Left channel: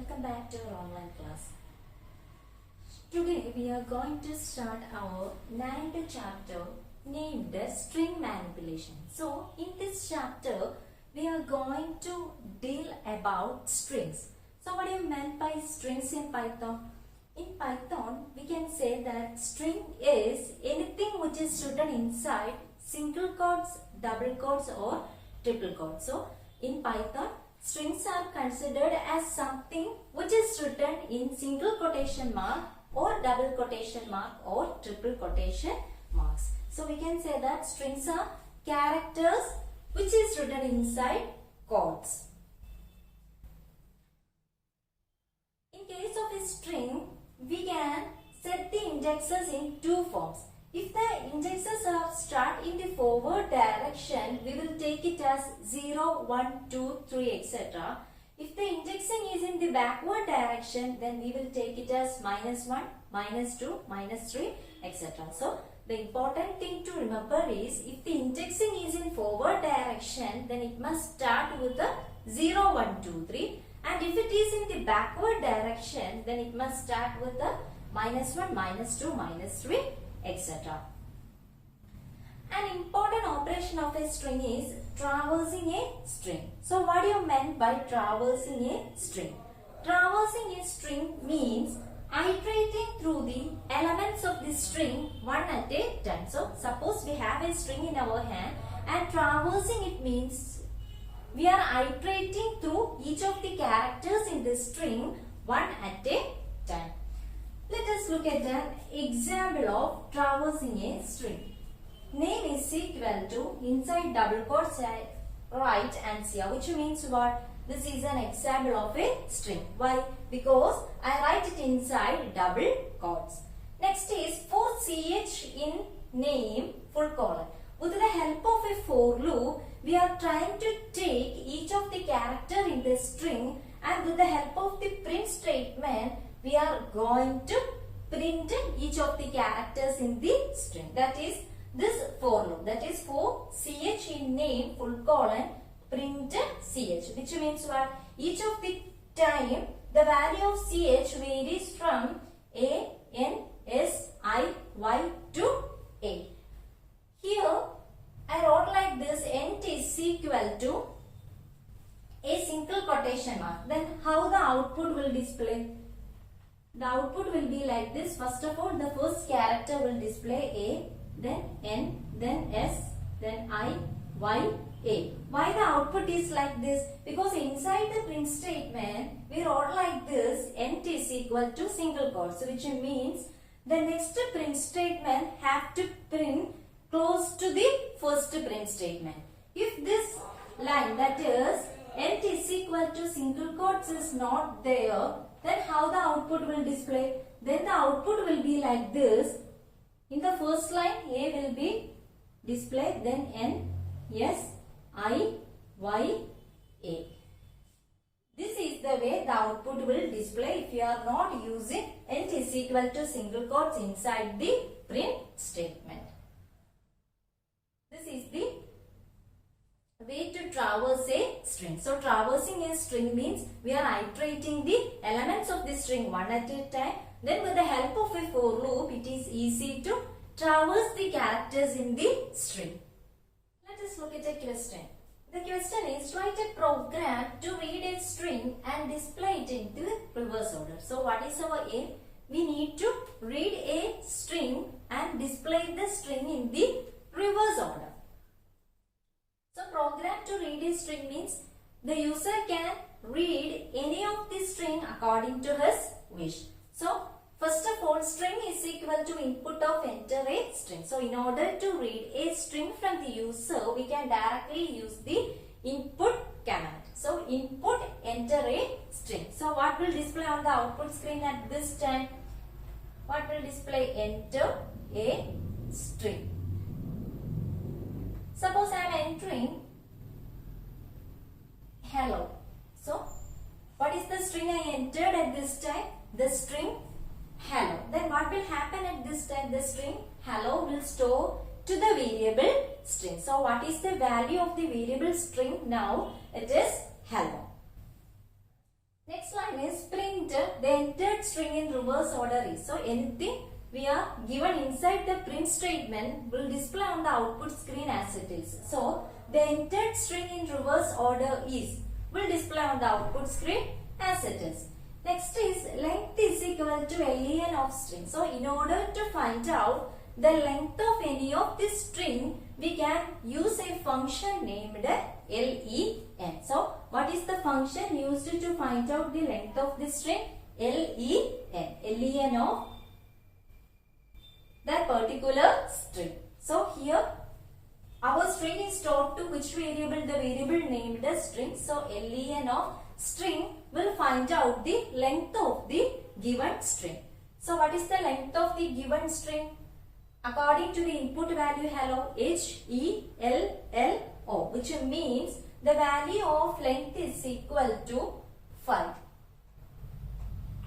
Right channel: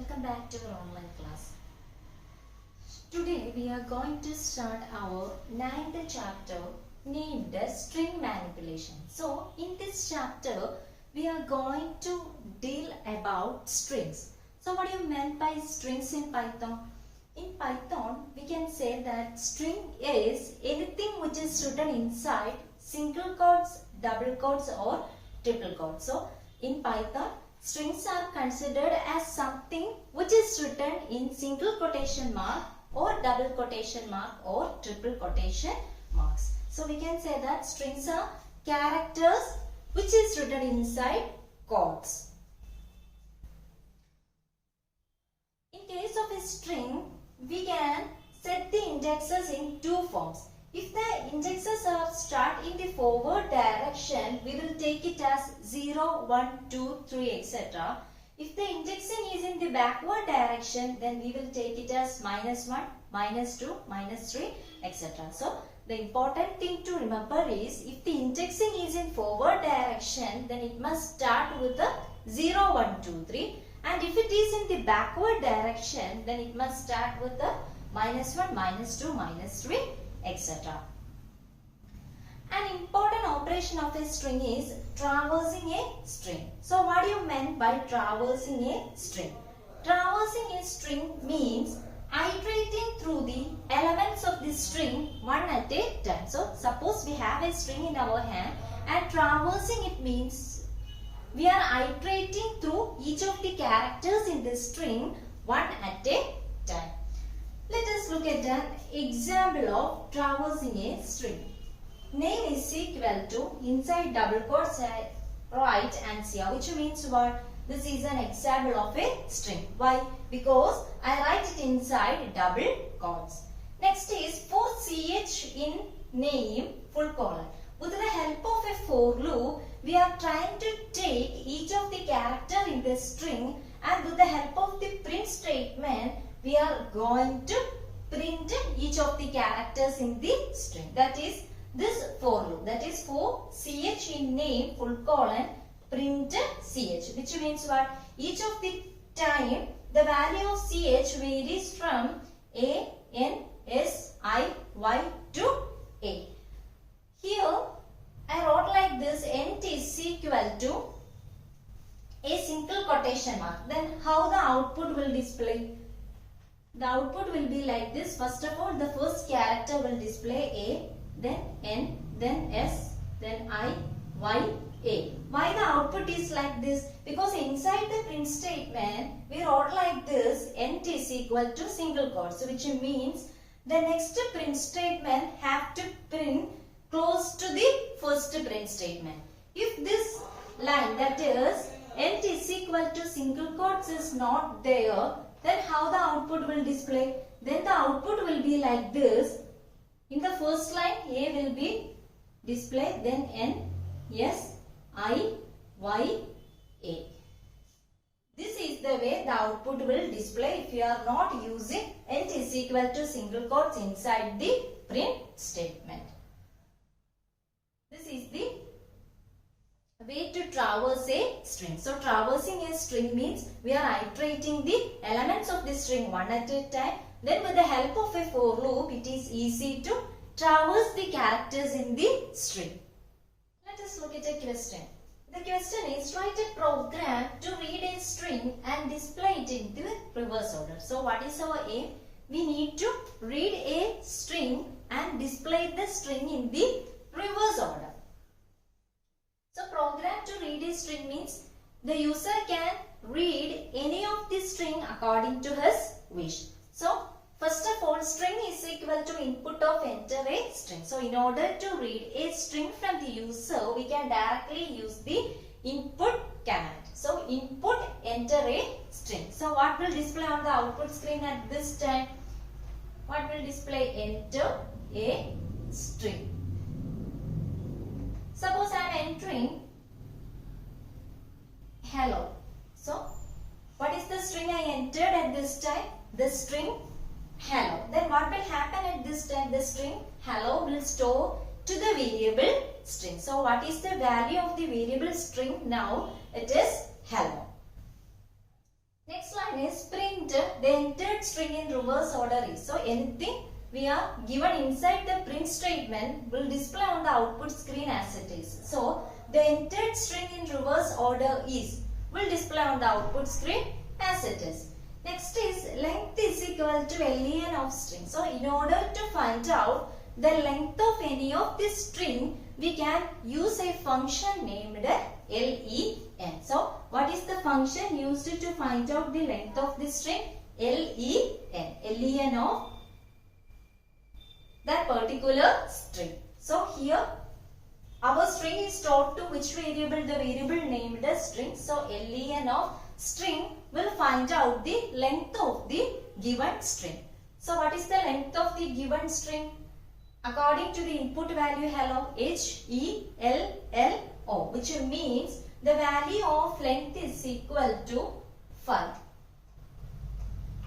Welcome back to our online class. Today we are going to start our 9th chapter named String Manipulation. So in this chapter we are going to deal about strings. So what do you meant by strings in Python? In Python we can say that string is anything which is written inside single quotes, double quotes or triple quotes. So in Python strings are considered as something which is written in single quotation mark or double quotation mark or triple quotation marks. So we can say that strings are characters which is written inside quotes. In case of a string, we can set the indexes in two forms. If the indexes are start in the forward direction, we will take it as 0, 1, 2, 3, etc. If the indexing is in the backward direction, then we will take it as -1, -2, -3, etc. So, the important thing to remember is if the indexing is in forward direction, then it must start with the 0, 1, 2, 3. And if it is in the backward direction, then it must start with the -1, -2, -3, etc. An important operation of a string is traversing a string. So what do you mean by traversing a string? Traversing a string means iterating through the elements of the string one at a time. So suppose we have a string in our hand and traversing it means we are iterating through each of the characters in the string one at a time. Let us look at an example of traversing a string. Name is equal to inside double quotes write ANSIA, which means what? This is an example of a string. Why? Because I write it inside double quotes. Next is for ch in name full colon. With the help of a for loop, we are trying to take each of the character in the string, and with the help of the print statement, we are going to print each of the characters in the string. That is this for loop. That is for ch in name full colon print ch, which means what? Each of the time the value of ch varies from a, n, s, I, y to a. Here I wrote like this: int is equal to a single quotation mark. Then how the output will display? The output will be like this. First of all, the first character will display a, then n, then s, then I, y, a. Why the output is like this? Because inside the print statement, we wrote like this: int is equal to single quotes, which means the next print statement have to print close to the first print statement. If this line, that is int is equal to single quotes, is not there, then how the output will display? Then the output will be like this. In the first line, a will be displayed, then n, s, I, y, a. This is the way the output will display if you are not using int is equal to single quotes inside the print statement. This is the way to traverse a string. So traversing a string means we are iterating the elements of the string one at a time. Then with the help of a for loop, it is easy to traverse the characters in the string. Let us look at a question. The question is, write a program to read a string and display it in the reverse order. So what is our aim? We need to read a string and display the string in the reverse order. So program to read a string means the user can read any of the string according to his wish. So first of all, string is equal to input of enter a string. So in order to read a string from the user, we can directly use the input command. So input enter a string. So what will display on the output screen at this time? What will display? Enter a string. Suppose I am entering hello. So what is the string I entered at this time? The string hello. Then what will happen at this time? The string hello will store to the variable string. So what is the value of the variable string now? It is hello. Next line is print the entered string in reverse order is. So anything we are given inside the print statement will display on the output screen as it is. So the entered string in reverse order is will display on the output screen as it is. Next is length is equal to len of string. So in order to find out the length of any of this string, we can use a function named len. So what is the function used to find out the length of this string? Len of that particular string. So here our string is stored to which variable? The variable named as string. So len of string will find out the length of the given string. So what is the length of the given string? According to the input value hello, HELLO, which means the value of length is equal to 5.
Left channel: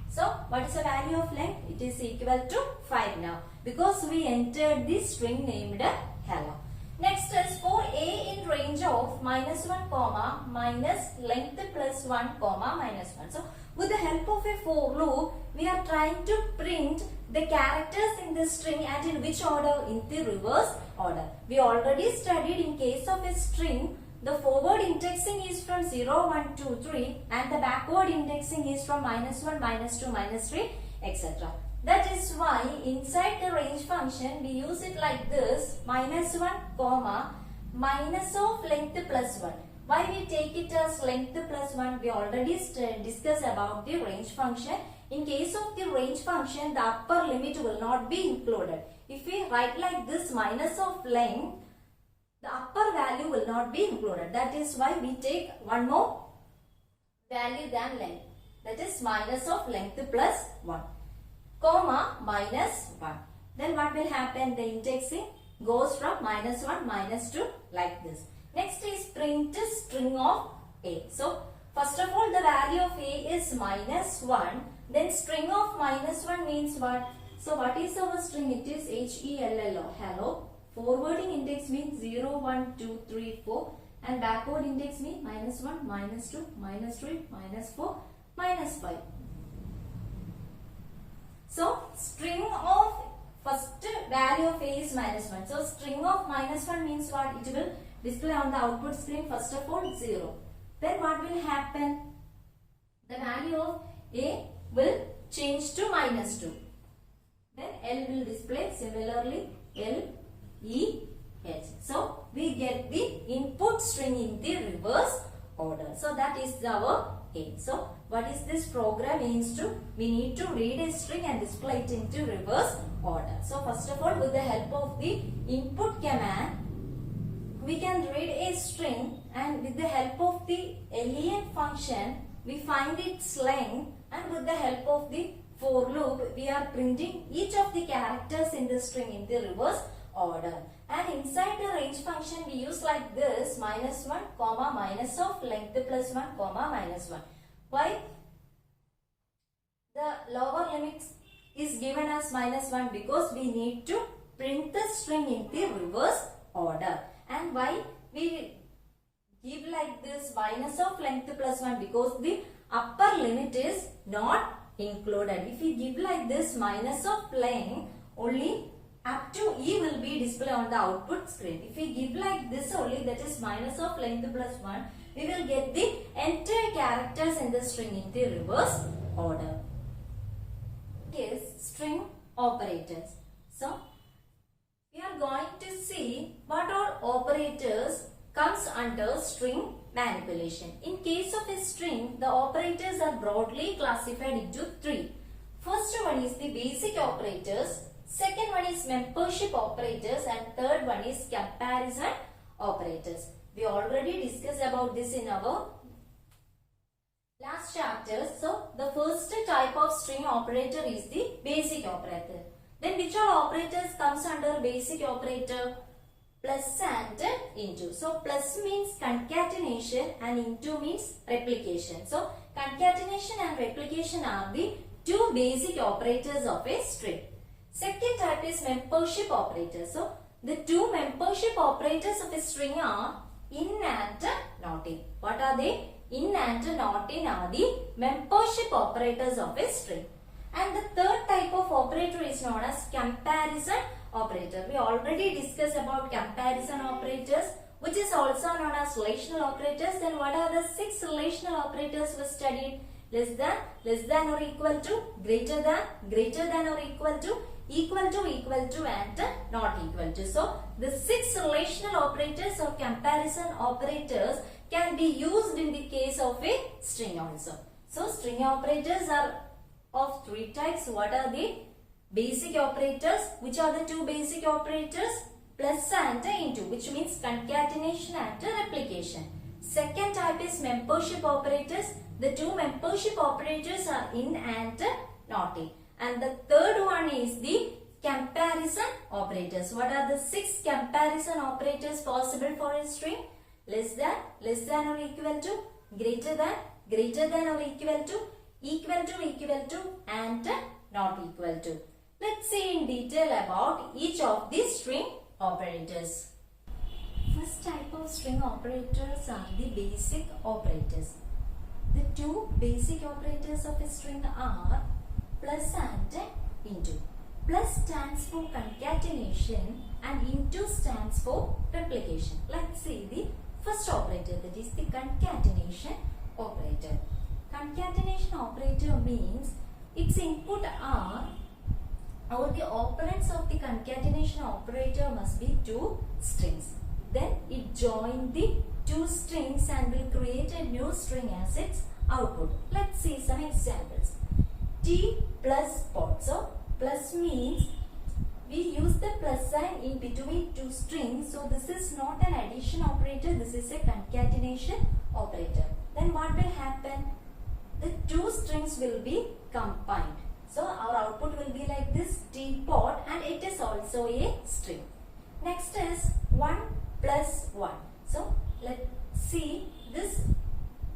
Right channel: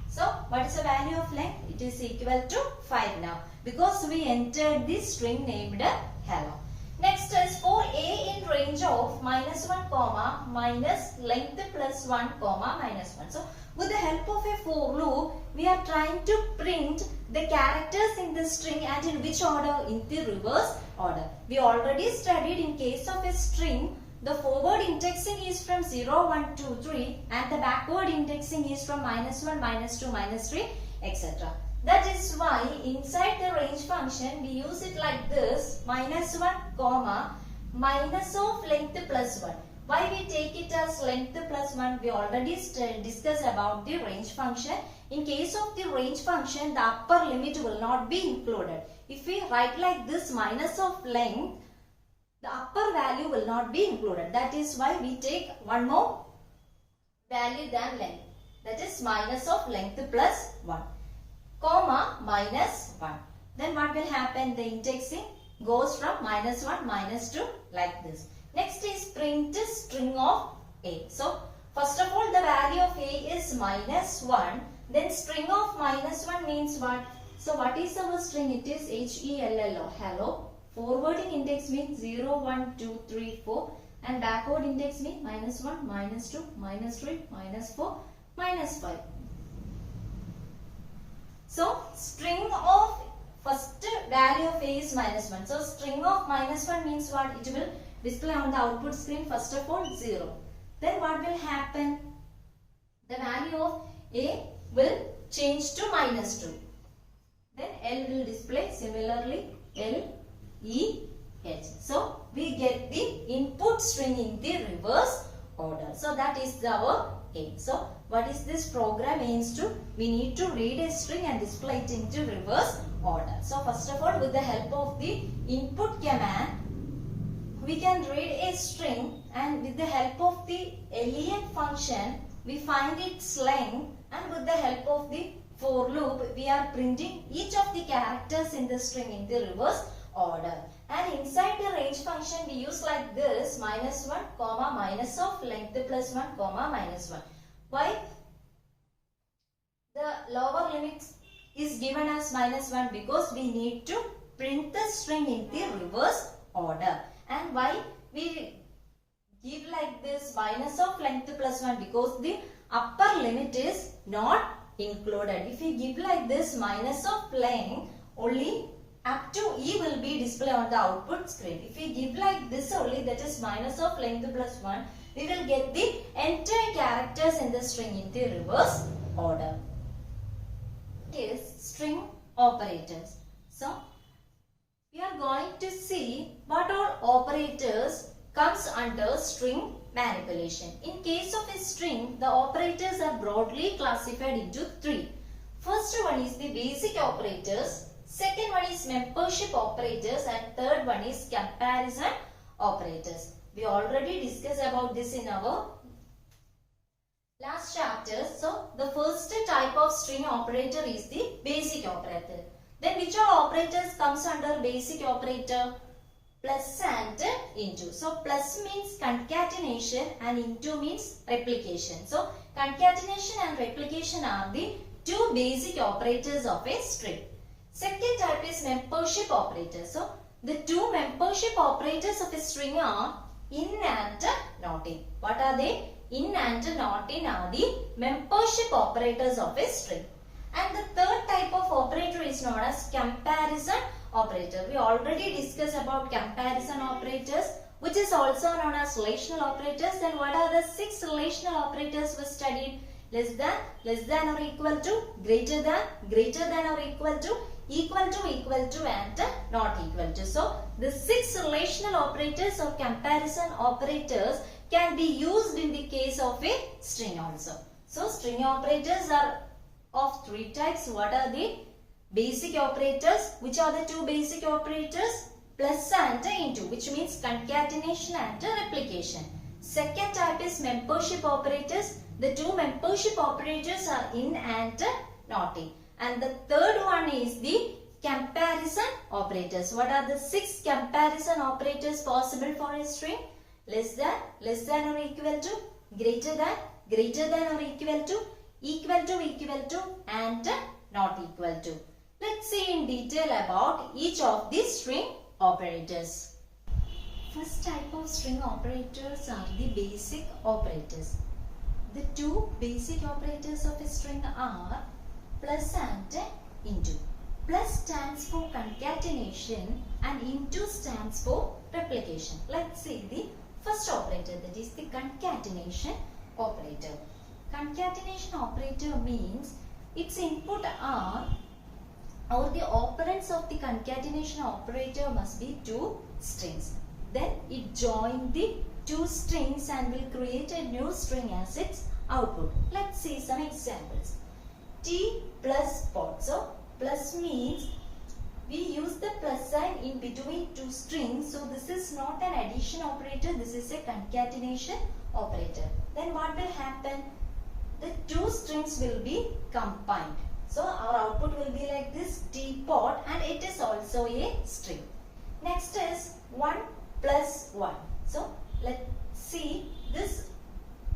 So what is the value of length? It is equal to 5 now because we entered this string named hello. Next is for a in range of -1 comma minus length plus 1 comma minus 1. So with the help of a for loop, we are trying to print the characters in the string and in which order? In the reverse order. We already studied in case of a string, the forward indexing is from 0, 1, 2, 3 and the backward indexing is from -1, -2, -3, etc. That is why inside the range function we use it like this, -1 comma minus of length plus 1. Why we take it as length plus 1? We already discussed about the range function. In case of the range function, the upper limit will not be included. If we write like this minus of length, the upper value will not be included. That is why we take one more value than length. That is minus of length plus 1. Comma minus 1. Then what will happen? The indexing goes from -1, -2 like this. Next is print string of a. So first of all the value of a is -1. Then string of -1 means what? So what is our string? It is HELLO, hello. Forwarding index means 0, 1, 2, 3, 4 and backward index means -1, -2, -3, -4, -5. So string of first value of a is -1. So string of -1 means what? It will display on the output screen first of all 0. Then what will happen? The value of a will change to -2. Then L will display similarly LEH. So we get the input string in the reverse order. So that is our aim. So what is this program aims to? We need to read a string and display it into reverse order. So first of all, with the help of the input command, we can read a string and with the help of the len function, we find its length and with the help of the for loop, we are printing each of the characters in the string in the reverse order. And inside the range function, we use like this -1 comma minus of length plus 1 comma minus 1. Why? The lower limit is given as -1 because we need to print the string in the reverse order. And why we give like this minus of length plus 1? Because the upper limit is not included. If we give like this minus of length, only up to E will be displayed on the output screen. If we give like this only, that is minus of length plus 1, we will get the entire characters in the string in the reverse order. It is string operators. So we are going to see what all operators comes under string manipulation. In case of a string, the operators are broadly classified into 3. First one is the basic operators, second one is membership operators and third one is comparison operators. We already discussed about this in our last chapter. So the first type of string operator is the basic operator. Then which all operators comes under basic operator? Plus and into. So plus means concatenation and into means replication. So concatenation and replication are the two basic operators of a string. Second type is membership operator. So the two membership operators of a string are in and not in. What are they? In and not in are the membership operators of a string. And the third type of operator is known as comparison operator. We already discussed about comparison operators, which is also known as relational operators. Then what are the 6 relational operators we studied? Less than or equal to, greater than or equal to, and not equal to. So the 6 relational operators or comparison operators can be used in the case of a string also. So string operators are of 3 types. What are the basic operators? Which are the 2 basic operators? Plus and into, which means concatenation and replication. Second type is membership operators. The 2 membership operators are in and not in. And the third one is the comparison operators. What are the 6 comparison operators possible for a string? Less than or equal to, greater than or equal to, and not equal to. Let's see in detail about each of these string operators. First type of string operators are the basic operators. The 2 basic operators of a string are plus and into. Plus stands for concatenation and into stands for replication. Let's see the first operator, that is the concatenation operator. Concatenation operator means its input are, or the operands of the concatenation operator must be 2 strings. Then it joins the 2 strings and will create a new string as its output. Let's see some examples. T plus pot. So plus means we use the plus sign in between 2 strings. So this is not an addition operator. This is a concatenation operator. Then what will happen? The 2 strings will be combined. So our output will be like this, teapot, and it is also a string. Next is 1 plus 1. So let's see, this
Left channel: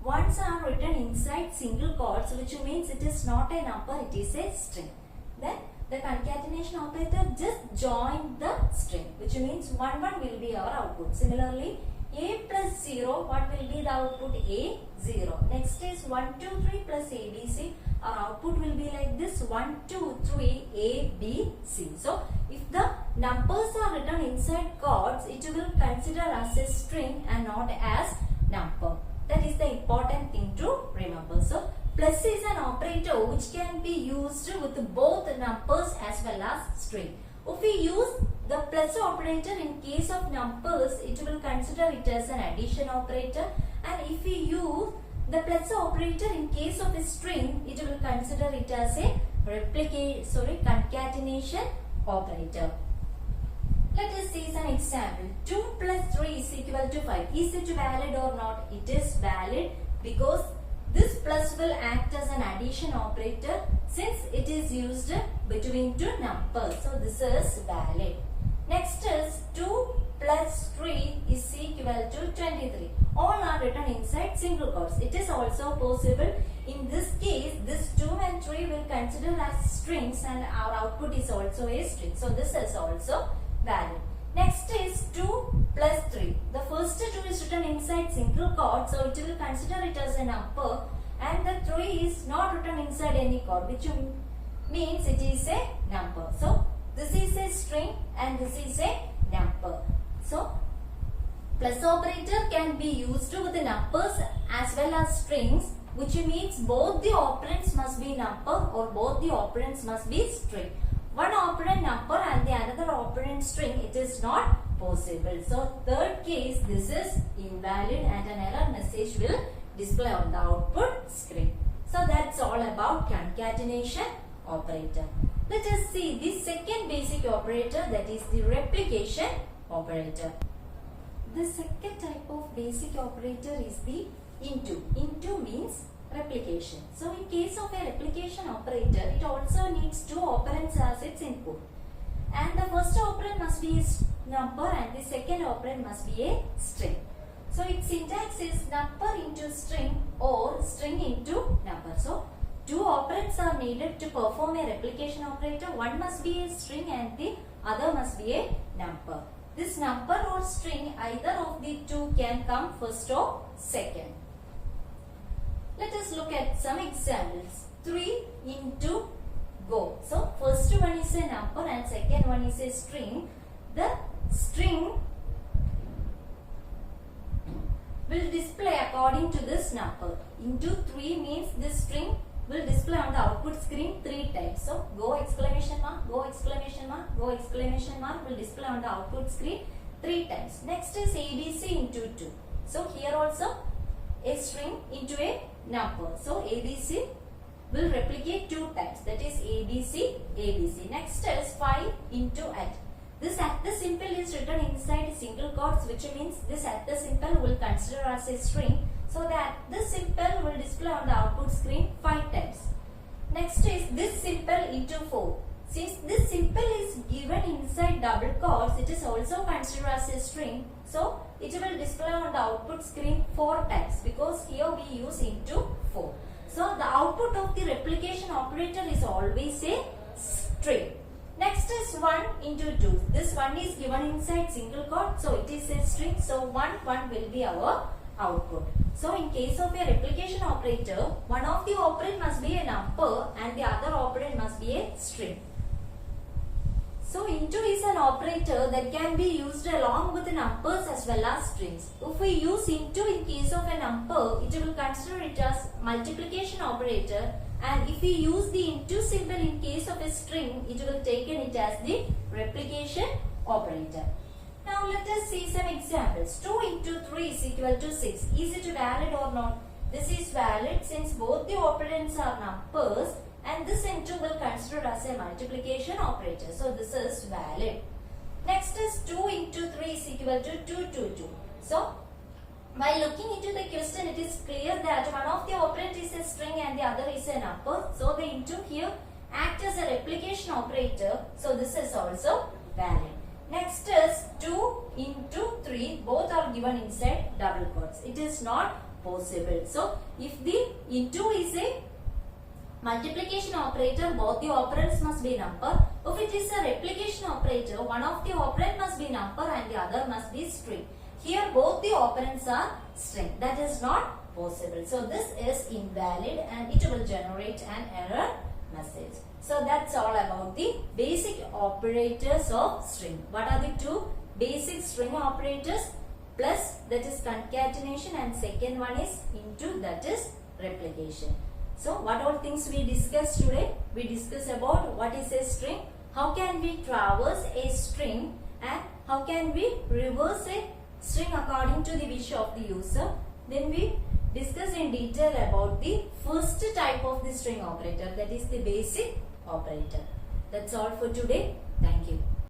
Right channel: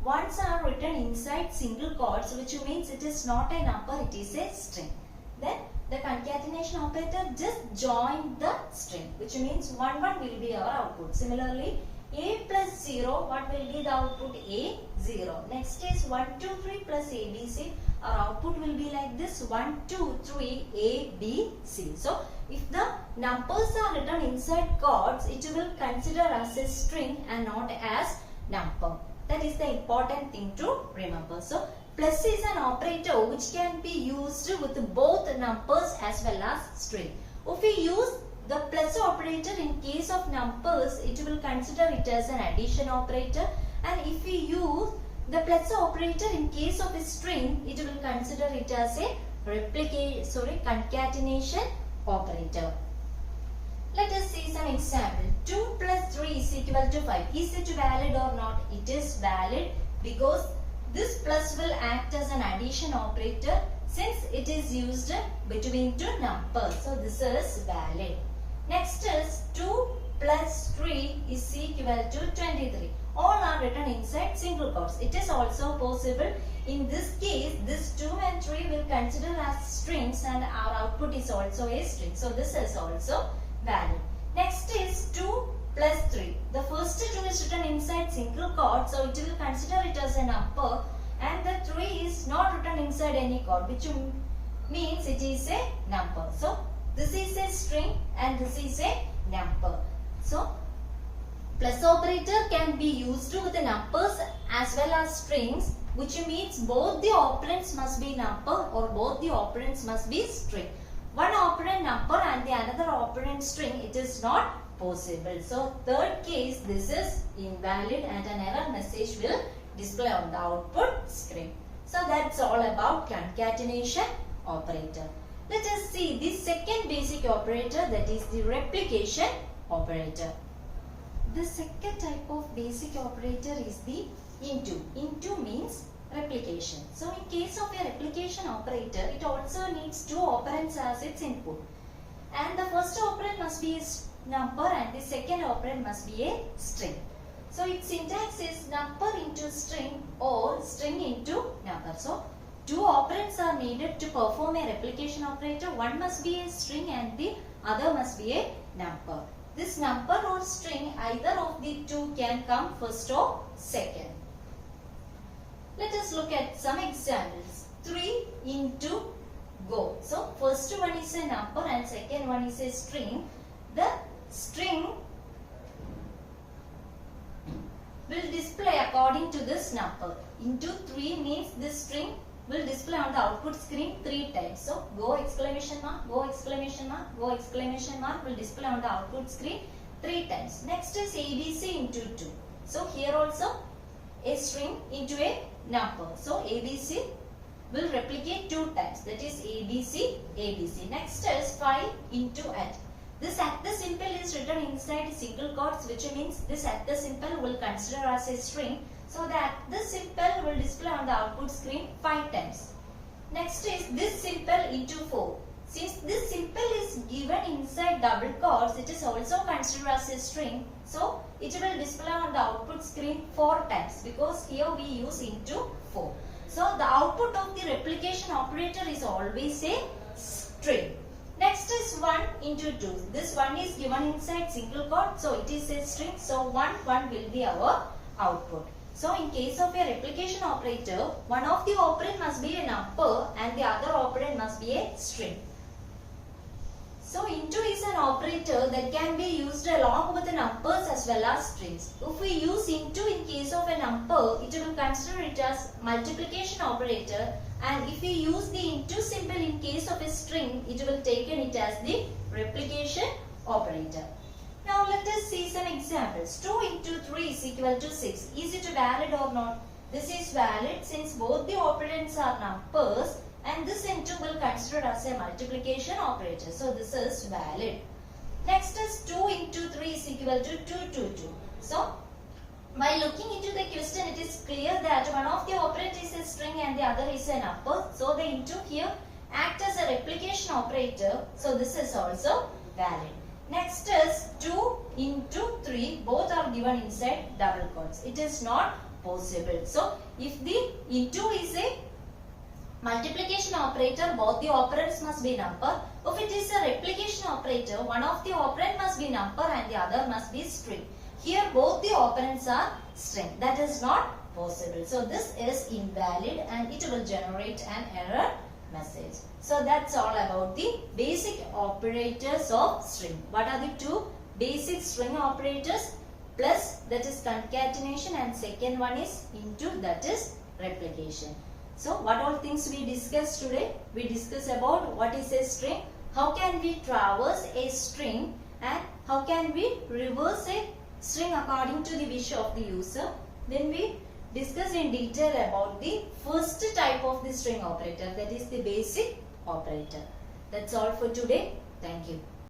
ones are written inside single quotes, which means it is not a number, it is a string. Then the concatenation operator just join the string, which means 1 will be our output. Similarly, a plus 0, what will be the output? A 0. Next is 1 2 3 plus ABC. Our output will be like this, 1 2 3 A B C. So if the numbers are written inside quotes, it will consider as a string and not as number. That is the important thing to remember. So plus is an operator which can be used with both numbers as well as string. If we use the plus operator in case of numbers, it will consider it as an addition operator, and if we use the plus operator in case of a string, it will consider it as a concatenation operator. Let us see some example. 2 plus 3 is equal to 5. Is it valid or not? It is valid because this plus will act as an addition operator since it is used between 2 numbers. So this is valid. Next is 2 plus 3 is equal to 23. All are written inside single quotes. It is also possible. In this case, this 2 and 3 will consider as strings and our output is also a string. So this is also valid. Next is 2 plus 3. The first 2 is written inside single quote, so it will consider it as a number, and the 3 is not written inside any quote, which means it is a number. So this is a string and this is a number. So plus operator can be used with the numbers as well as strings, which means both the operands must be number or both the operands must be string. One operand number and the another operand string, it is not possible. So third case, this is invalid and an error message will display on the output screen. So that's all about concatenation operator. Let us see the second basic operator, that is the replication operator. The second type of basic operator is the into. Into means replication. So in case of a replication operator, it also needs 2 operands as its input. And the first operand must be a number and the second operand must be a string. So its syntax is number into string or string into number. So 2 operands are needed to perform a replication operator. One must be a string and the other must be a number. This number or string, either of the 2 can come first or second. Let us look at some examples. 3 into go. So first one is a number and second one is a string. The string will display according to this number. Into 3 means this string will display on the output screen 3 times. So go exclamation mark, go exclamation mark, go exclamation mark will display on the output screen 3 times. Next is ABC into 2. So here also a string into a number. So ABC will replicate 2 times. That is ABC, ABC. Next is 5 into at. This at the symbol is written inside single quotes, which means this at the symbol will consider as a string. So that this symbol will display on the output screen 5 times. Next is this symbol into 4. Since this symbol is given inside double quotes, it is also considered as a string. So it will display on the output screen 4 times because here we use into 4. So the output of the replication operator is always a string. Next is 1 into 2. This 1 is given inside single quote, so it is a string. So 1 will be our output. So in case of a replication operator, one of the operand must be a number and the other operand must be a string. So into is an operator that can be used along with the numbers as well as strings. If we use into in case of a number, it will consider it as multiplication operator, and if we use the into symbol in case of a string, it will take it as the replication operator. Now let us see some examples. 2 into 3 is equal to 6. Is it valid or not? This is valid since both the operands are numbers, and this into will consider as a multiplication operator. So this is valid. Next is 2 into 3 is equal to 2 to 2. So by looking into the question, it is clear that one of the operand is a string and the other is a number. So the into here act as a replication operator. So this is also valid. Next is 2 into 3. Both are given inside double quotes. It is not possible. So if the into is a multiplication operator, both the operands must be number. If it is a replication operator, one of the operand must be number and the other must be string. Here both the operands are string. That is not possible. So this is invalid and it will generate an error message. So that's all about the basic operators of string. What are the two basic string operators? Plus, that is concatenation, and second one is into, that is replication. So what all things we discussed today? We discussed about what is a string, how can we traverse a string, and how can we reverse a string according to the wish of the user. Then we discussed in detail about the first type of the string operator, that is the basic operator. That's all for today. Thank you.